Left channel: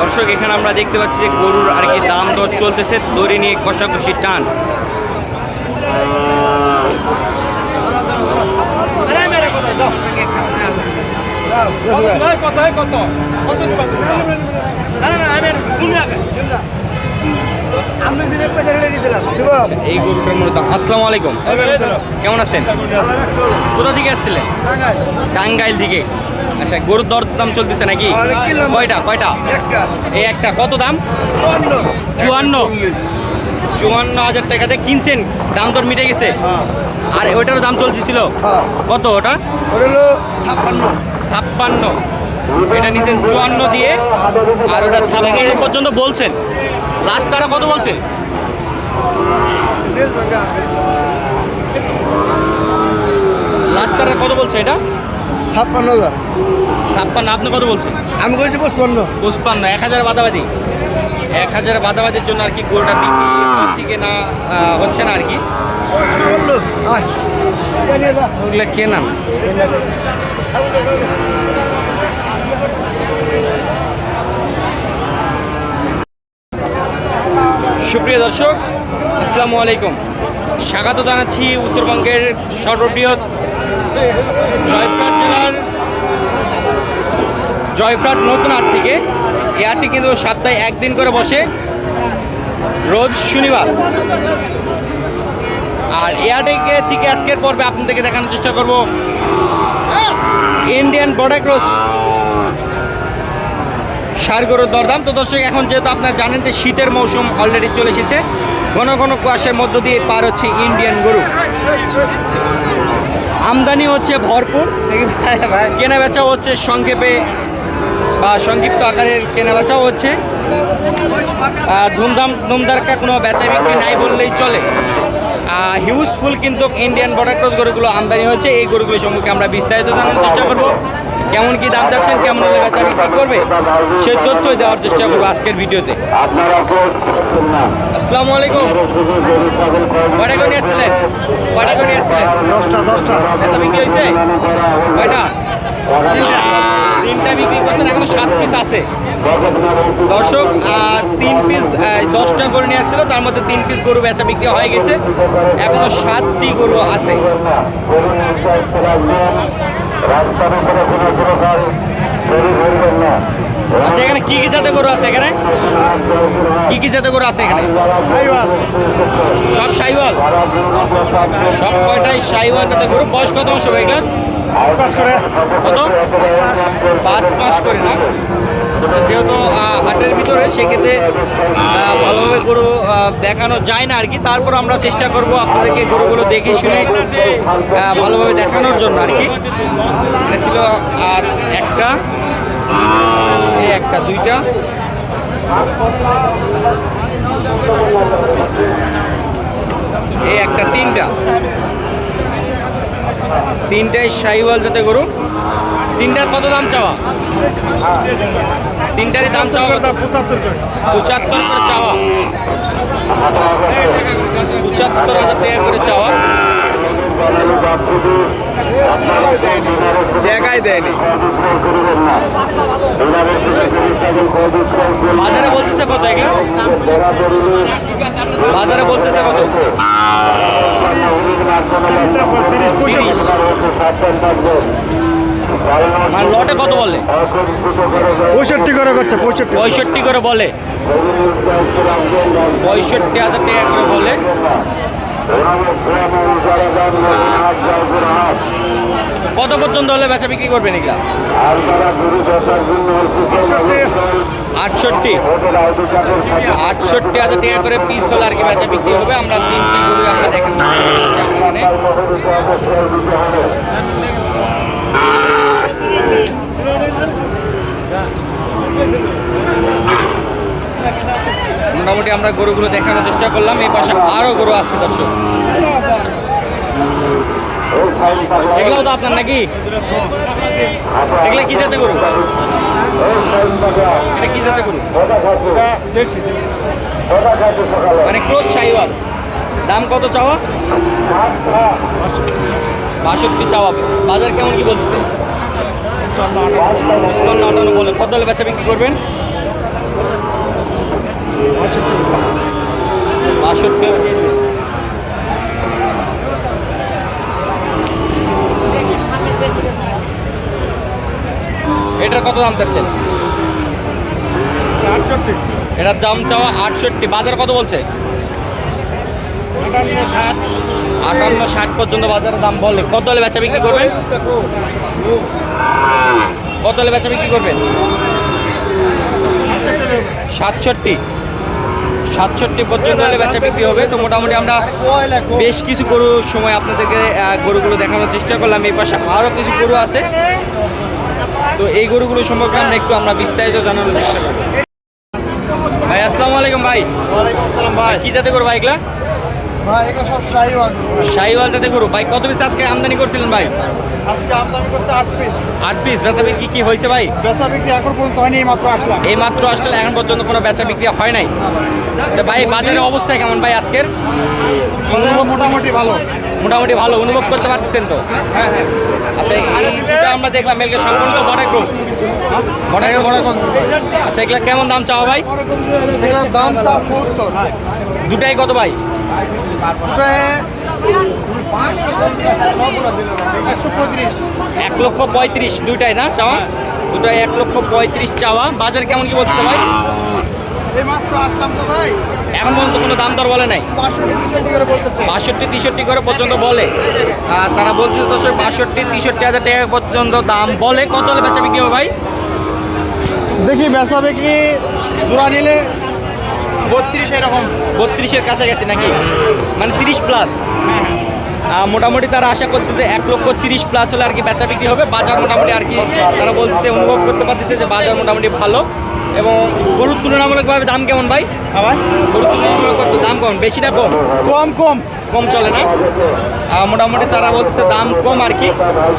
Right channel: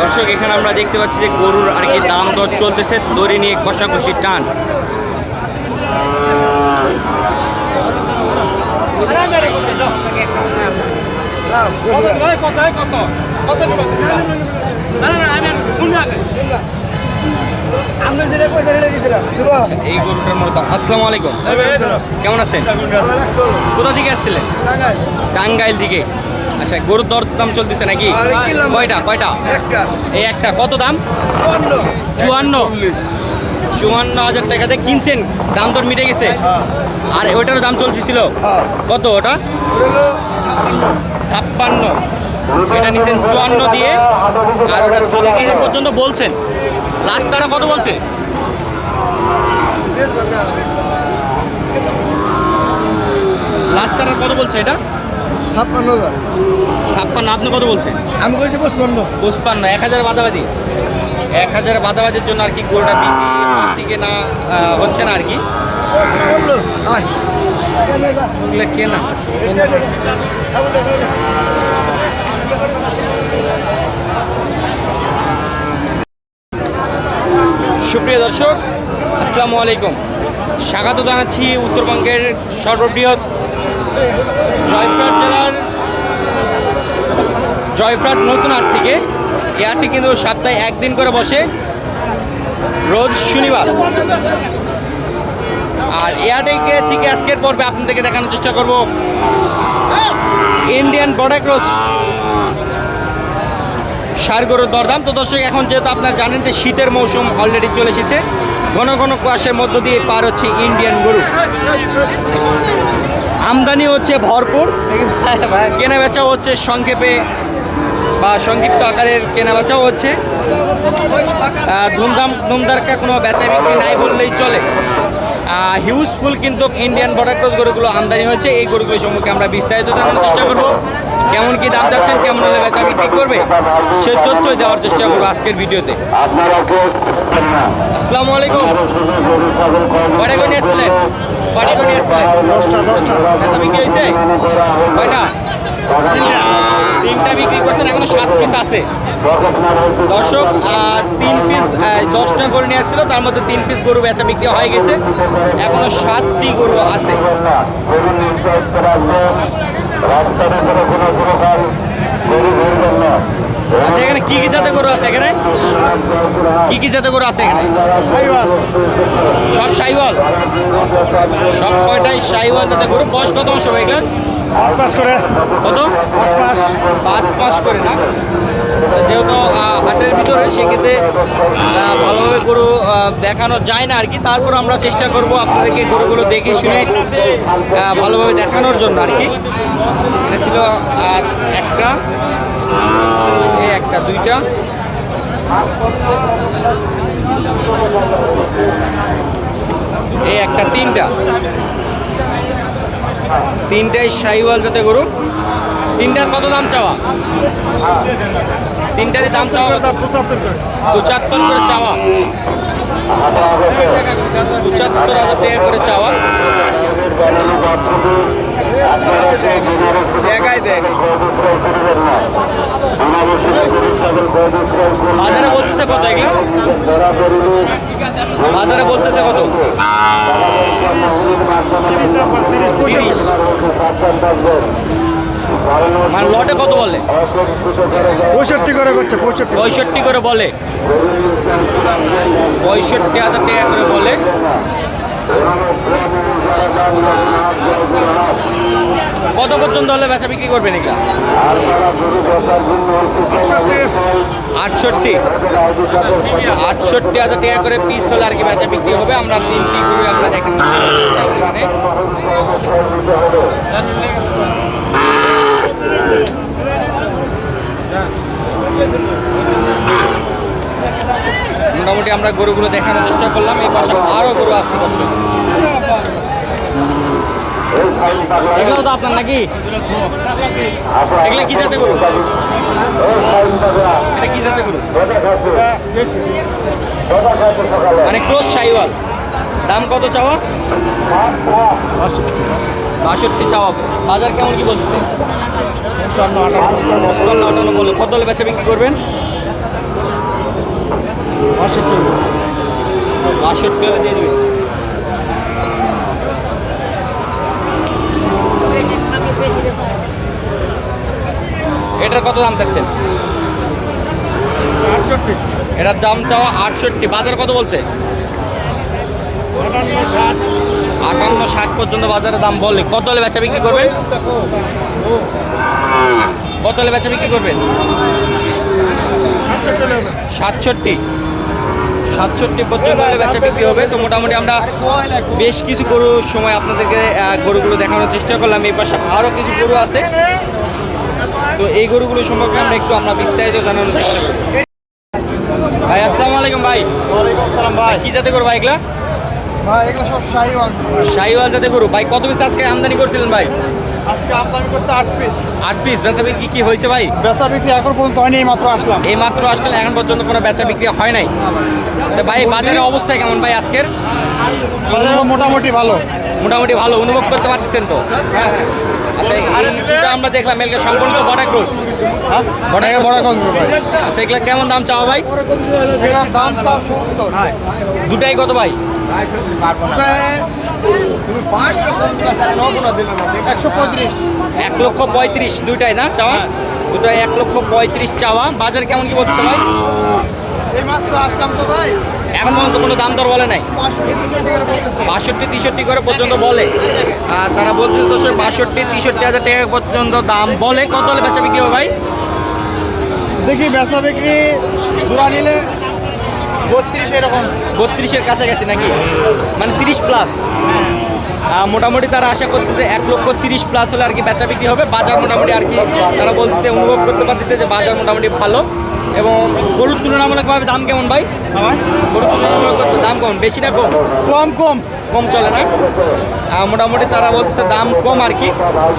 দর্শক এখানে আমরা দেখতে পাচ্ছি যে গরুর আর কি দাম দর চলতেছে। দড়ি নিয়ে কষাকষি টান। আচ্ছা, এই গরুটার দাম। আসসালামু আলাইকুম। কেমন আছেন? কোথা থেকে আসছিলেন? টাঙ্গাইল থেকে। আচ্ছা গরুর দর দাম চলতেছে নাকি? কয়টা কয়টা? এই একটা কত দাম? চুয়ান্ন। চুয়ান্ন। হাজার টাকাতে কিনছেন দাম দর মিটে গেছে? হ্যাঁ। আর ওটারও দাম চলতেছিল? হ্যাঁ। কত ওটা? ছাপ্পান্ন। এটা নিছেন চুয়ান্ন দিয়ে আর ওটা ছাপ্পান্ন পর্যন্ত বলছেন। লাস্ট তারা কত বলছে? লাস্ট তারা কত বলছে এটা? ছাপ্পান্ন হাজার। ছাপ্পান্ন আপনি কত বলছেন? আমি কইছি পঁচপান্ন। পঁচপান্ন এক হাজার বাদাবাদি। এক হাজার বাদাবাদির জন্য আর কি গরুটা বিক্রি থেকে না হচ্ছে না আর কি? কেনা। সুপ্রিয় দর্শক আসসালামু আলাইকুম। স্বাগত জানাচ্ছি উত্তরবঙ্গের সর্ববৃহৎ জয়পুরহাট জেলার জয়পুরহাট নতুন হাট থেকে। এই হাটটি কিন্তু সপ্তাহে একদিন করে বসে। রোজ শনিবার। আর এই হাটে থেকে আজকের পর্বে আপনাদেরকে দেখানোর চেষ্টা করব। Indian border cross. সার গরুর দরদাম। তো দর্শক, এখন যেহেতু আপনারা জানেন যে শীতের মৌসুম অলরেডি চলে এসেছে, ঘন ঘন কুয়াশার মধ্য দিয়ে পার হচ্ছে ইন্ডিয়ান গরু। আমদানি হচ্ছে ভরপুর। কেনা বেচাও হচ্ছে সংক্ষেপে বা সংক্ষিপ্ত আকারের কেনা বেচাও হচ্ছে। ধুমধাম, ধুমধারকা কোনো বেচা বিক্রি নাই বললেই চলে। হিউজফুল কিন্তু ইন্ডিয়ান বর্ডার ক্রস গরুগুলো আমদানি হয়েছে। এই গরুগুলো সম্পর্কে আমরা বিস্তারিত জানানোর চেষ্টা করব। কেমন কি দাম চাচ্ছেন, কেমন হলে বেচা বিক্রি করবে সে তথ্যই দেওয়ার চেষ্টা করব আজকের ভিডিওতে। আসসালামু আলাইকুম কয়টা করে আসছিলেন কয়টা করে আসছিলেন দশটা দশটা। বেচা বিক্রি হয়েছে কয়টা? তিনটা বিক্রি করছেন এখনও সাত পিস আছে। দর্শক তিন পিস দশটা গরু নিয়ে আসছিল তার মধ্যে তিন পিস গরু বেচা বিক্রি হয়ে গেছে। এখনও সাতটি গরু আছে। আচ্ছা এখানে কি কি জাতের গরু আছে এখানে? কি কি জাতের গরু আছে এখানে? সব সাইওয়াল? সব কয়টাই সাইওয়াল জাতের গরু? বয়স কত মাস হবে এগুলার? কত? পাঁচ মাস করে না? আচ্ছা যেহেতু হাটের ভিতরে সেক্ষেত্রে ভালোভাবে গরু দেখানো যায় না আর কি তারপর আমরা চেষ্টা করব আপনাদেরকে গরুগুলো দেখে শুনে ভালোভাবে দেখানোর জন্য আর কি এটা ছিল আর একটা। এই একটা দুইটা। এই একটা তিনটা। তিনটাই শাহিওয়াল যাতে গরু। তিনটার কত দাম চাওয়া? তিনটারই দাম চাওয়া? পঁচাত্তর করে। পঁচাত্তর করে চাওয়া। পঁচাত্তর হাজার টাকা করে চাওয়া। জায়গায় দেয়নি। বাজারে বলতেছে কত এগুলা? বাজারে বলতেছে কত? তিরিশ। মানে লটে কত বলে? পঁয়ষট্টি করে করছে পঁয়ষট্টি। পঁয়ষট্টি করে বলে। পঁয়ষট্টি হাজার টাকা করে বলে। কত পর্যন্ত হলে বেচা বিক্রি করবেন এগুলা? আটষট্টি। আটষট্টি হাজার টাকা করে পিস হলে আর কি বেচা বিক্রি হবে। আমরা তিনটি গরু আমরা দেখেন মোটামুটি আমরা গরুগুলো দেখানোর চেষ্টা করলাম। এই পাশে আরও গরু আছে, দর্শক। এগুলোও তো আপনার নাকি? এগুলা কি যাতে গরু? এটা কি জাতে গরু? মানে ক্রোস সাইওয়াল দাম কত চাওয়া? বাষট্টি চাওয়া। বাজার কেমন কি বলতেছে? পঞ্চান্ন আটান্ন বলে। কত বেচা বিক্রি করবেন? বাষট্টি বাষট্টি হলে দিয়ে দিবেন। এটার কত দাম চাচ্ছেন? এটার দাম চাওয়া আটষট্টি। বাজার কত বলছে? আটান্ন ষাট। পর্যন্ত বাজারে দাম বলে। কত হলে বেচা বিক্রি করবেন? কত হলে বেচা বিক্রি করবেন? সাতষট্টি। সাতষট্টি পর্যন্ত হলে বেচা বিক্রি হবে। তো মোটামুটি আমরা বেশ কিছু গরুর সময় আপনাদেরকে গরুগুলো দেখানোর চেষ্টা করলাম। এই পাশে আরও কিছু গরু আছে। তো এই গরুগুলো সম্পর্কে আমরা একটু আমরা বিস্তারিত জানানোর চেষ্টা করব। ভাই আসসালামু আলাইকুম ভাই। ওয়ালাইকুম আসসালাম ভাই। কি জাতে করব ভাই এগুলা? ভাই এগুলো সব শাহিওয়াল ভাই। শাহিওয়াল জাতে গরু। ভাই কত পিস আজকে আমদানি করছিলেন ভাই? আজকে আমদানি করছে আট পিস। আট পিস। বেচা বিক্রি কি হয়েছে ভাই? বেচা বিক্রি এখন পর্যন্ত হয়নি এই মাত্র আসলাম। এই মাত্র আসলে এখন পর্যন্ত কোনো বেচা বিক্রি হয় নাই। তো ভাই বাজারের অবস্থা কেমন ভাই আজকের? মোটামুটি ভালো। মোটামুটি ভালো। অনুভব করতে পারতেছেন তো? হ্যাঁ হ্যাঁ। আচ্ছা এই দুটো আমরা দেখলাম এগুলো সম্পূর্ণ বড় ভাই আচ্ছা এগুলো কেমন দাম চাওয়া ভাই? দাম দুটাই কত ভাই? এক লক্ষ পঁয়ত্রিশ দুইটাই না চাওয়া? দুটাই এক লক্ষ পঁয়ত্রিশ চাওয়া। বাজার কেমন কি বলতেছে ভাই? আসলাম তো ভাই। এখন পর্যন্ত কোনো দাম দর বলে নাই। বাষট্টি তেষট্টি করে পর্যন্ত বলে। আর তারা বলছে তো সে বাষট্টি তেষট্টি হাজার টাকা পর্যন্ত দাম বলে। কত হলে বেচা বিক্রি হবে ভাই? দেখি বেচা বিক্রি জোড়া নিলে বত্রিশ এরকম। বত্রিশের কাছাকাছি নাকি? মানে তিরিশ প্লাস মোটামুটি তারা আশা করছে যে এক লক্ষ তিরিশ প্লাস হলে আর কি বেচা বিক্রি হবে। বাজার মোটামুটি আর কি তারা বলছে অনুভব করতে পারতেছে যে বাজার মোটামুটি ভালো। এবং গরুর তুলনামূলকভাবে দাম কেমন ভাই? গরুর তুলনামূলক দাম কেমন বেশি না কম? কম কম। কম চলে না? মোটামুটি তারা বলছে দাম কম আর কি।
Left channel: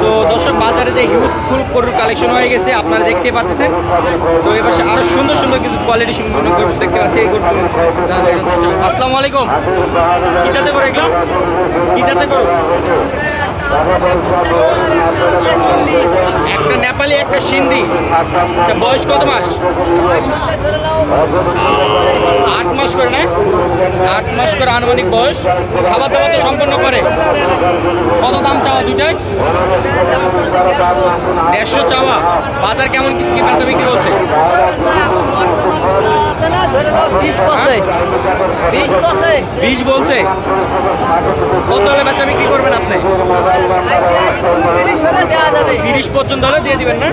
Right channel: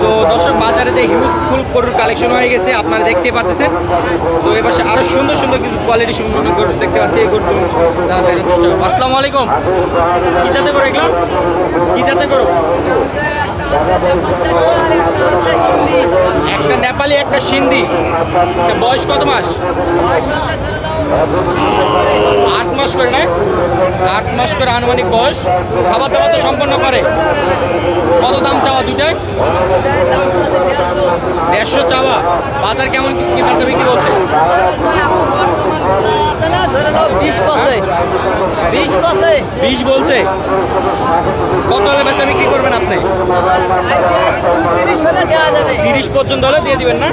তো দর্শক বাজারে যে হিউজ ফুল গরুর কালেকশন হয়ে গেছে আপনারা দেখতে পাচ্ছেন। তো এবার আরও সুন্দর সুন্দর কিছু কোয়ালিটি সম্পূর্ণ গরু দেখতে পাচ্ছি। এই গরু দেখানোর চেষ্টা করব। আসসালামু আলাইকুম। কি যাতে করো এগুলো? কি যাতে করো একটা নেপালি, একটা সিন্ধি। আচ্ছা বয়স কত মাস? আট মাস করে, না? আট মাস করে আনুমানিক বয়স। খাবার দাবার তো সম্পন্ন করে। কত দাম চাওয়া দুইটাই দেড়শো চাওয়া। বাজার কেমন কি বেচা বিক্রি বলছে? বিশ বলছে। কত হলে বেচা বিক্রি করবেন আপনি? তিরিশ পর্যন্ত হলে দিয়ে দিবেন না?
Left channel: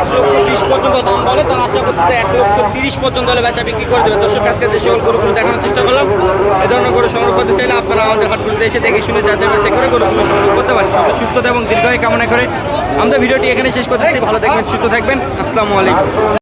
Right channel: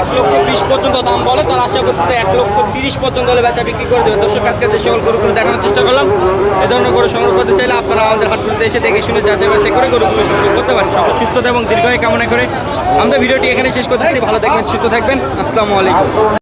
এক লক্ষ বিশ পর্যন্ত দাম বলে, তার আশা করছি এক লক্ষ তিরিশ পর্যন্ত হলে বেচা বিক্রি করে দেবে। দর্শক, আজকে যে সকল গরুগুলো দেখানোর চেষ্টা করলাম, এ ধরনের গরু সংগ্রহ করতে চাইলে আপনারা আমাদের হাটগুলোতে এসে দেখে শুনে যা যাবে সে করে গরুগুলো সংগ্রহ করতে পারেন। সকল সুস্থতা এবং দীর্ঘায়ু কামনা করে। আমাদের ভিডিওটি এখানে শেষ করতেছি। ভালো থাকবেন, সুস্থ থাকবেন। আসসালামু আলাইকুম।